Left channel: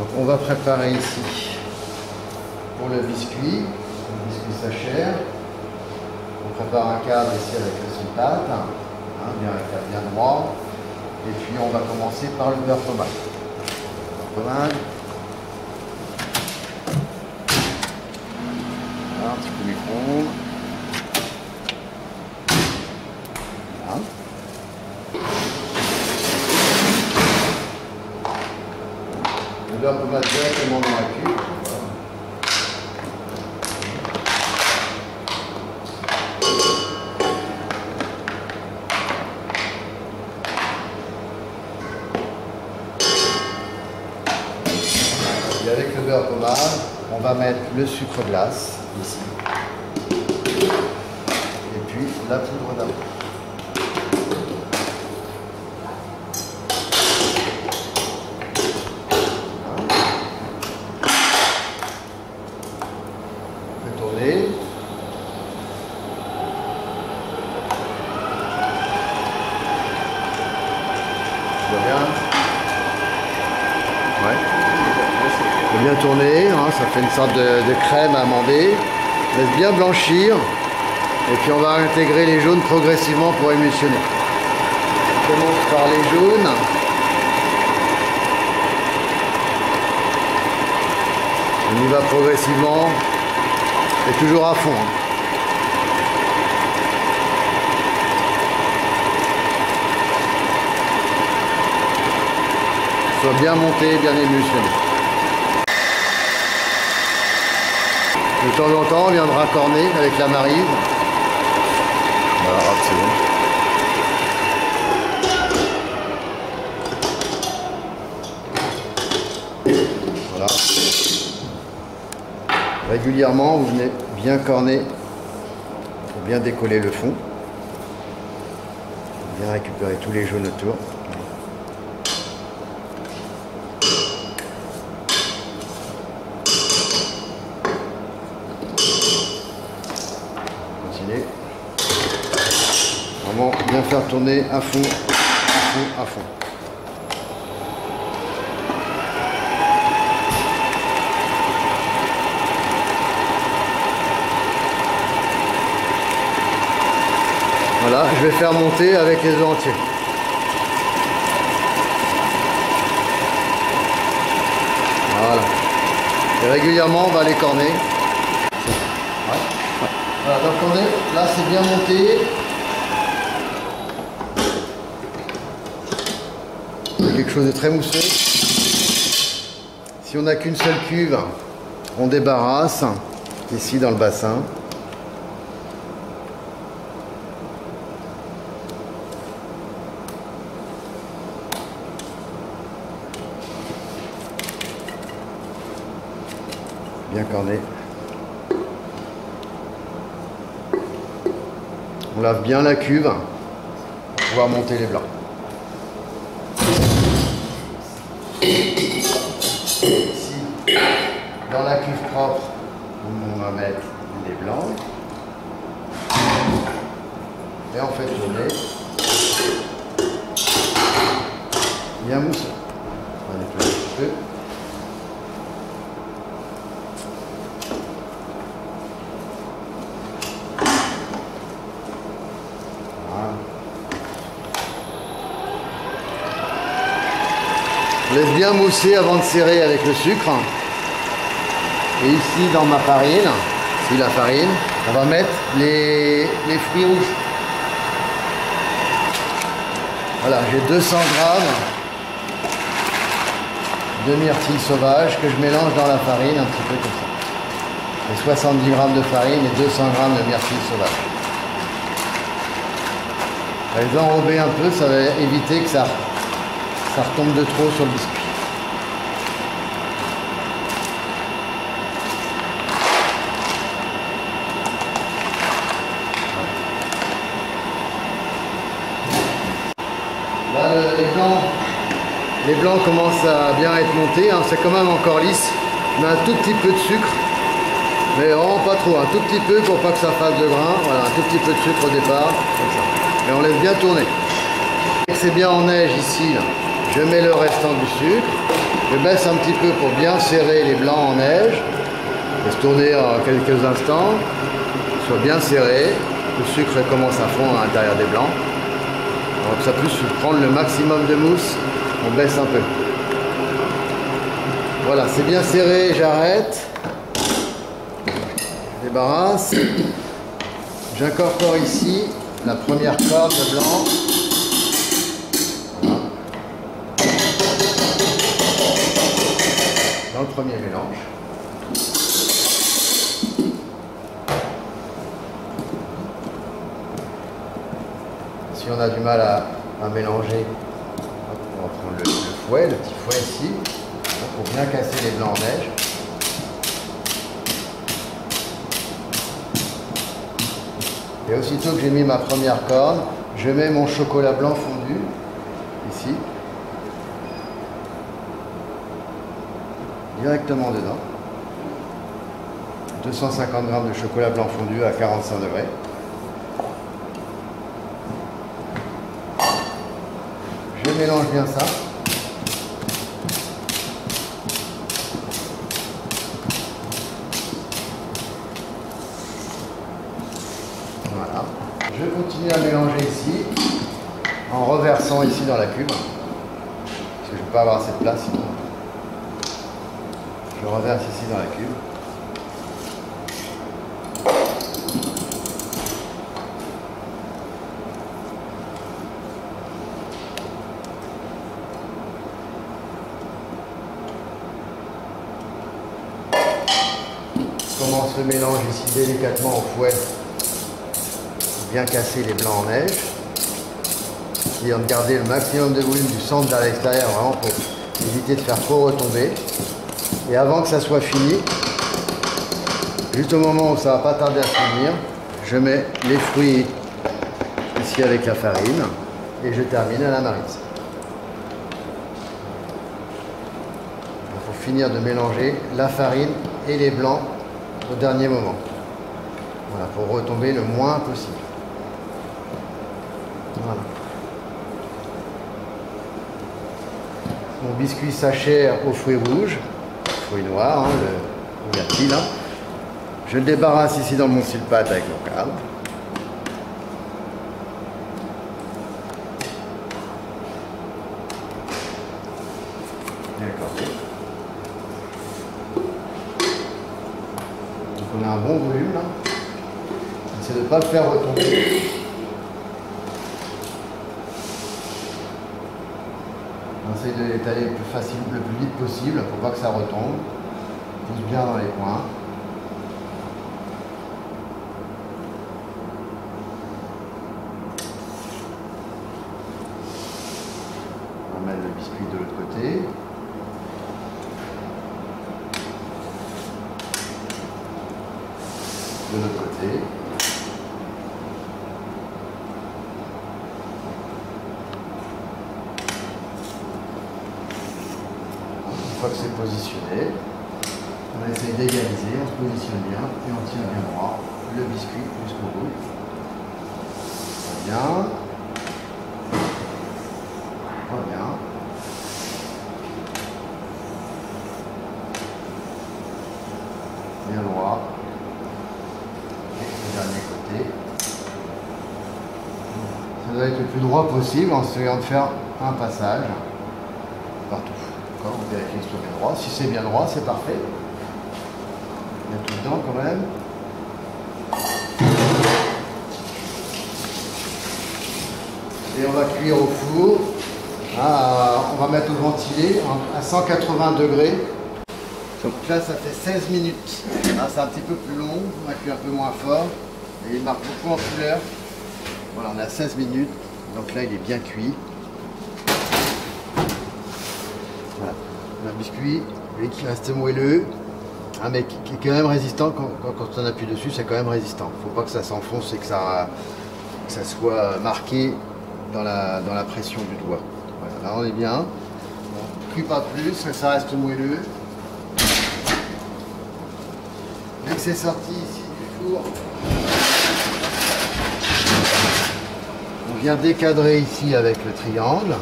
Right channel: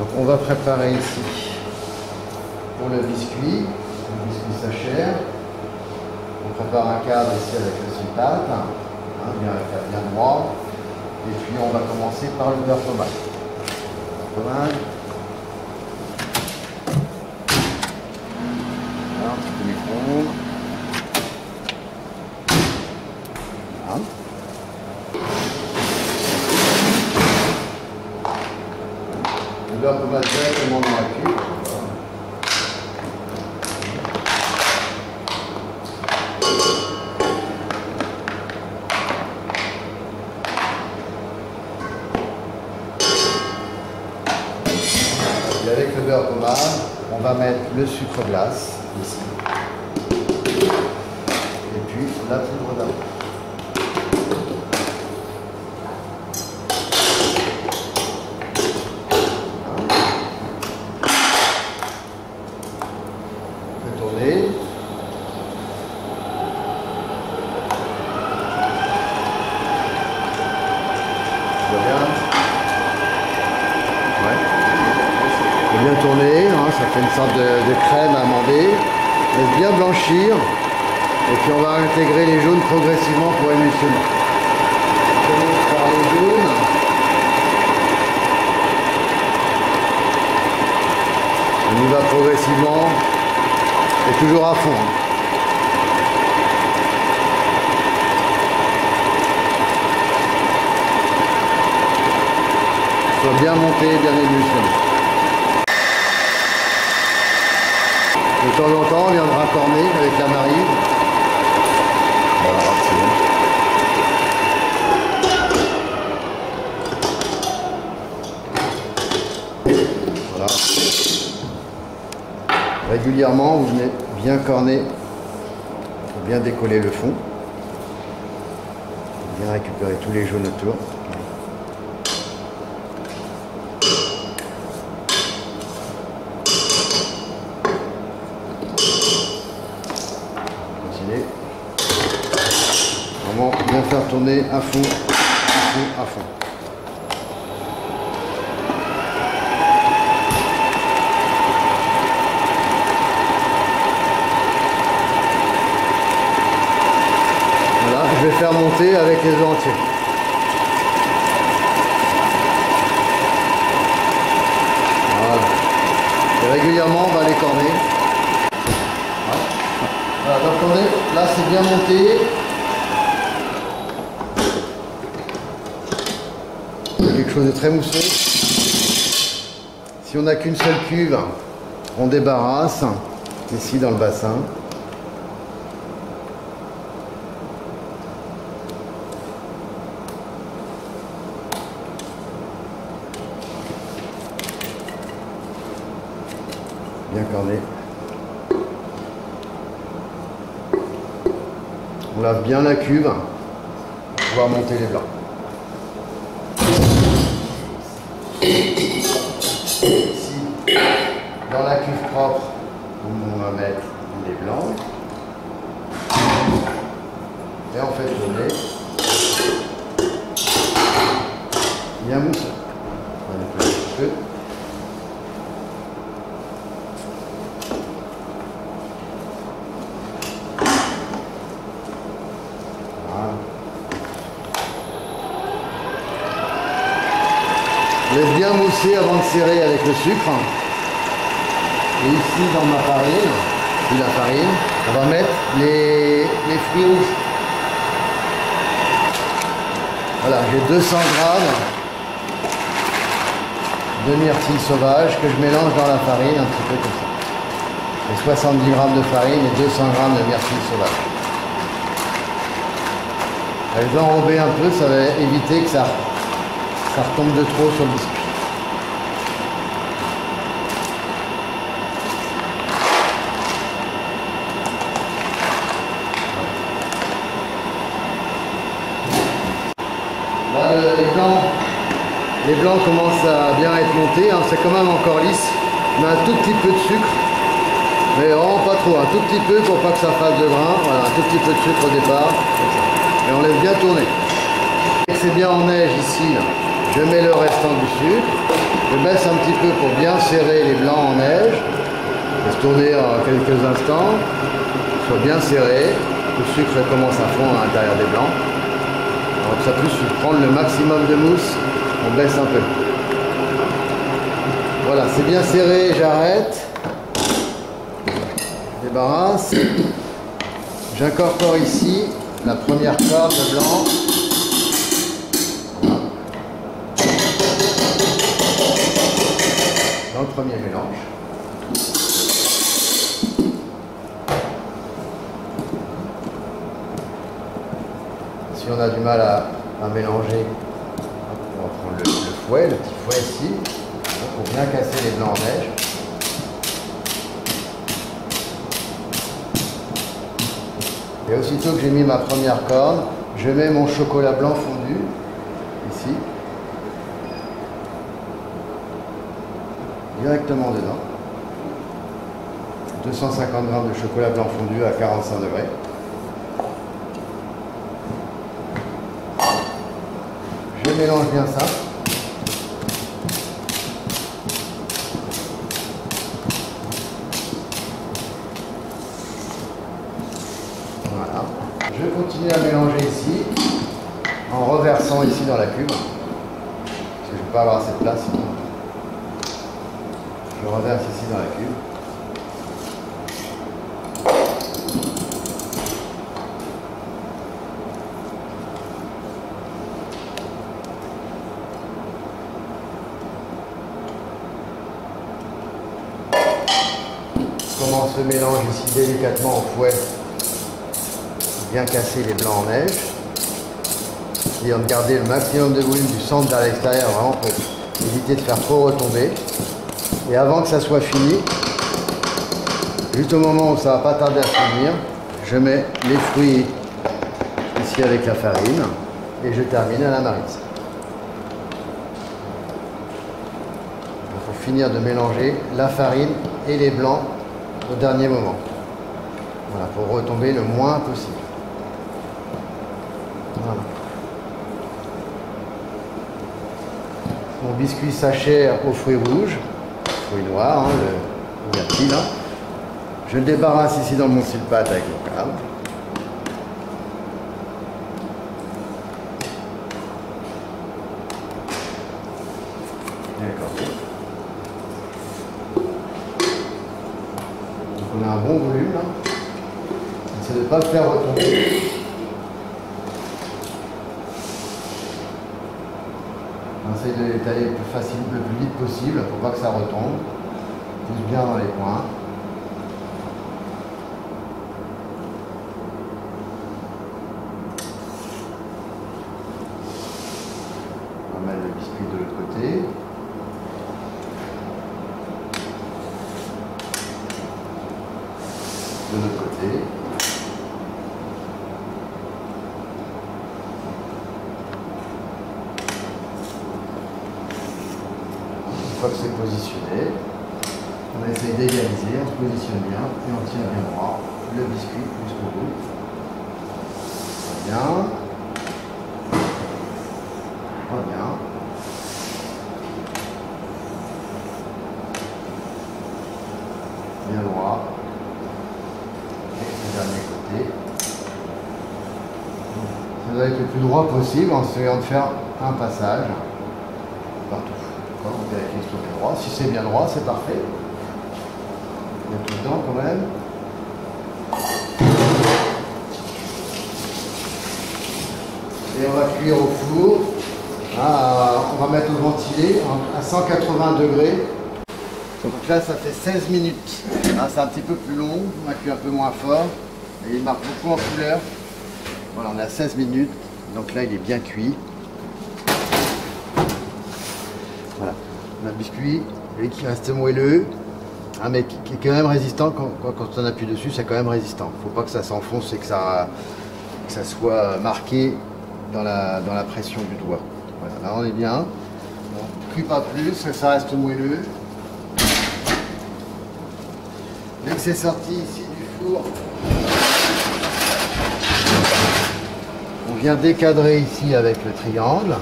Donc on va préparer ici pour le biscuit sachère. On prépare un cadre ici avec le sulfate, bien droit. Et puis on va commencer par le beurre pommade. Voilà, un petit peu micro-ondes. Voilà. Le beurre pommade directement dans la cuve. Et avec le beurre pommade, on va mettre le sucre glace ici. Et puis la poudre d'amande. Tourner. Tu vois bien? Ouais. Il faut bien tourner, hein, ça fait une sorte de crème amandée. Laisse bien blanchir. Et puis on va intégrer les jaunes progressivement pour émulsionner. On commence par les jaunes. On y va progressivement. Et toujours à fond. Soit bien monté, bien émulsionné. De temps en temps, on viendra corner avec la maryse. Voilà, c'est bon. Voilà. Régulièrement, vous venez bien corner pour bien décoller le fond. Bien récupérer tous les jaunes autour. Continuez. Vraiment bien faire tourner à fond, à fond, à fond. Voilà, je vais faire monter avec les œufs entiers. Voilà. Et régulièrement, on va les corner. Voilà, donc on est, là c'est bien monté. C'est quelque chose de très mousseux. Si on n'a qu'une seule cuve, on débarrasse ici dans le bassin. Bien corné. On lave bien la cuve pour pouvoir monter les blancs. Ici, dans la cuve propre, on va mettre les blancs. Et on fait tourner. Bien mousseux. On va nettoyer un petit peu. Laisse bien mousser avant de serrer avec le sucre. Et ici dans ma farine, la farine, on va mettre les fruits rouges. Voilà, j'ai 200 grammes de myrtille sauvage que je mélange dans la farine un petit peu comme ça. J'ai 70 grammes de farine et 200 grammes de myrtille sauvage. Je vais enrober un peu, ça va éviter que ça retombe de trop sur le biscuit. Là, les blancs commencent à bien être montés, hein. C'est quand même encore lisse. On a un tout petit peu de sucre, mais vraiment pas trop, un tout petit peu pour pas que ça fasse de grain. Voilà, un tout petit peu de sucre au départ, comme ça. Et on laisse bien tourner. C'est bien en neige ici, là. Je mets le restant du sucre. Je baisse un petit peu pour bien serrer les blancs en neige. Laisse tourner en quelques instants, soit bien serré. Le sucre commence à fondre à l'intérieur des blancs. Alors que ça puisse prendre le maximum de mousse, on baisse un peu. Voilà, c'est bien serré, j'arrête. Je débarrasse. J'incorpore ici la première corde de blanc. Voilà. Dans le premier mélange. Si on a du mal à mélanger, on va prendre le fouet, le petit fouet ici, pour bien casser les blancs en neige. Et aussitôt que j'ai mis ma première corne, je mets mon chocolat blanc fondu, ici, directement dedans. 250 g de chocolat blanc fondu à 45 degrés. Je mélange bien ça. Voilà. Je continue à mélanger ici, en reversant ici dans la cuve. Parce que je ne vais pas avoir assez de place sinon. Je reverse ici dans la cuve. Je commence le mélange ici délicatement au fouet pour bien casser les blancs en neige. Essayant de garder le maximum de volume du centre vers l'extérieur, vraiment pour éviter de faire trop retomber. Et avant que ça soit fini, juste au moment où ça va pas tarder à se finir, je mets les fruits ici avec la farine et je termine à la maryse. Il faut finir de mélanger la farine et les blancs au dernier moment. Voilà, pour retomber le moins possible. Voilà. Mon biscuit s'achère aux fruits rouges, fruits noirs, hein, le myrtille là. Je le débarrasse ici dans mon sulpate avec mon câble. D'accord. On a un bon volume là. C'est de ne pas le faire retomber. On essaye de l'étaler le plus facile, le plus vite possible pour pas que ça retombe. Pousse bien dans les coins. On va mettre le biscuit de l'autre côté. De l'autre côté. Une fois que c'est positionné, on essaye d'égaliser, on se positionne bien et on tient bien droit le biscuit jusqu'au bout. Bien. Bien. Bien droit. Dernier côté. Ça doit être le plus droit possible en essayant de faire un passage partout. On vérifie que ce soit bien droit. Si c'est bien droit, c'est parfait. Il y a tout dedans quand même. Et on va cuire au four. On va mettre au ventilé à 180 degrés. Donc là, ça fait 16 minutes. C'est un petit peu plus long, on a cuit un peu moins fort. Et il marque beaucoup en couleur. Voilà, on est à 16 minutes. Donc là, il est bien cuit. Voilà, on a un biscuit, lui qui reste moelleux, mais qui est quand même résistant. Quand on appuie dessus, c'est quand même résistant. Il ne faut pas que ça s'enfonce et que ça soit marqué dans la pression du doigt. Voilà, là on est bien. On ne cuit pas plus, ça reste moelleux. Dès que c'est sorti ici du four, on vient décadrer ici avec le triangle,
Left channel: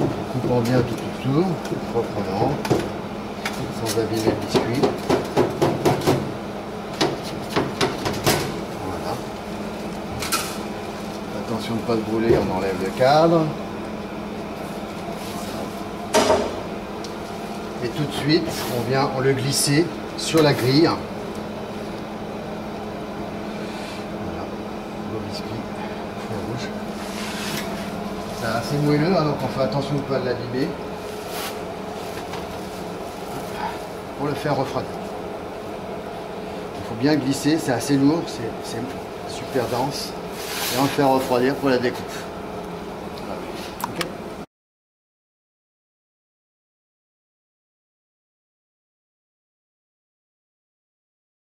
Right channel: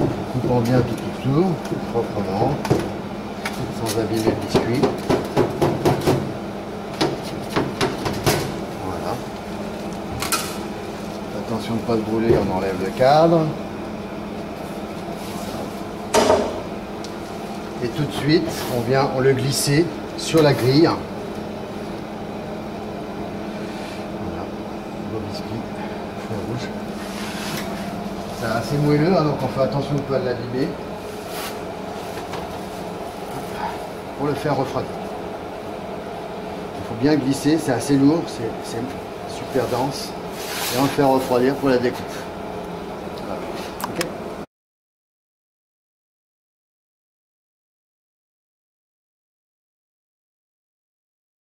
en coupant bien tout tout proprement, sans abîmer le biscuit. Voilà. Attention de ne pas se brûler, on enlève le cadre. Et tout de suite, on le glisser sur la grille. Voilà, le biscuit, rouge. C'est assez moelleux, hein, donc on fait attention de ne pas l'abîmer. Pour le faire refroidir. Il faut bien glisser, c'est assez lourd, c'est super dense. Et on le fait refroidir pour la découpe.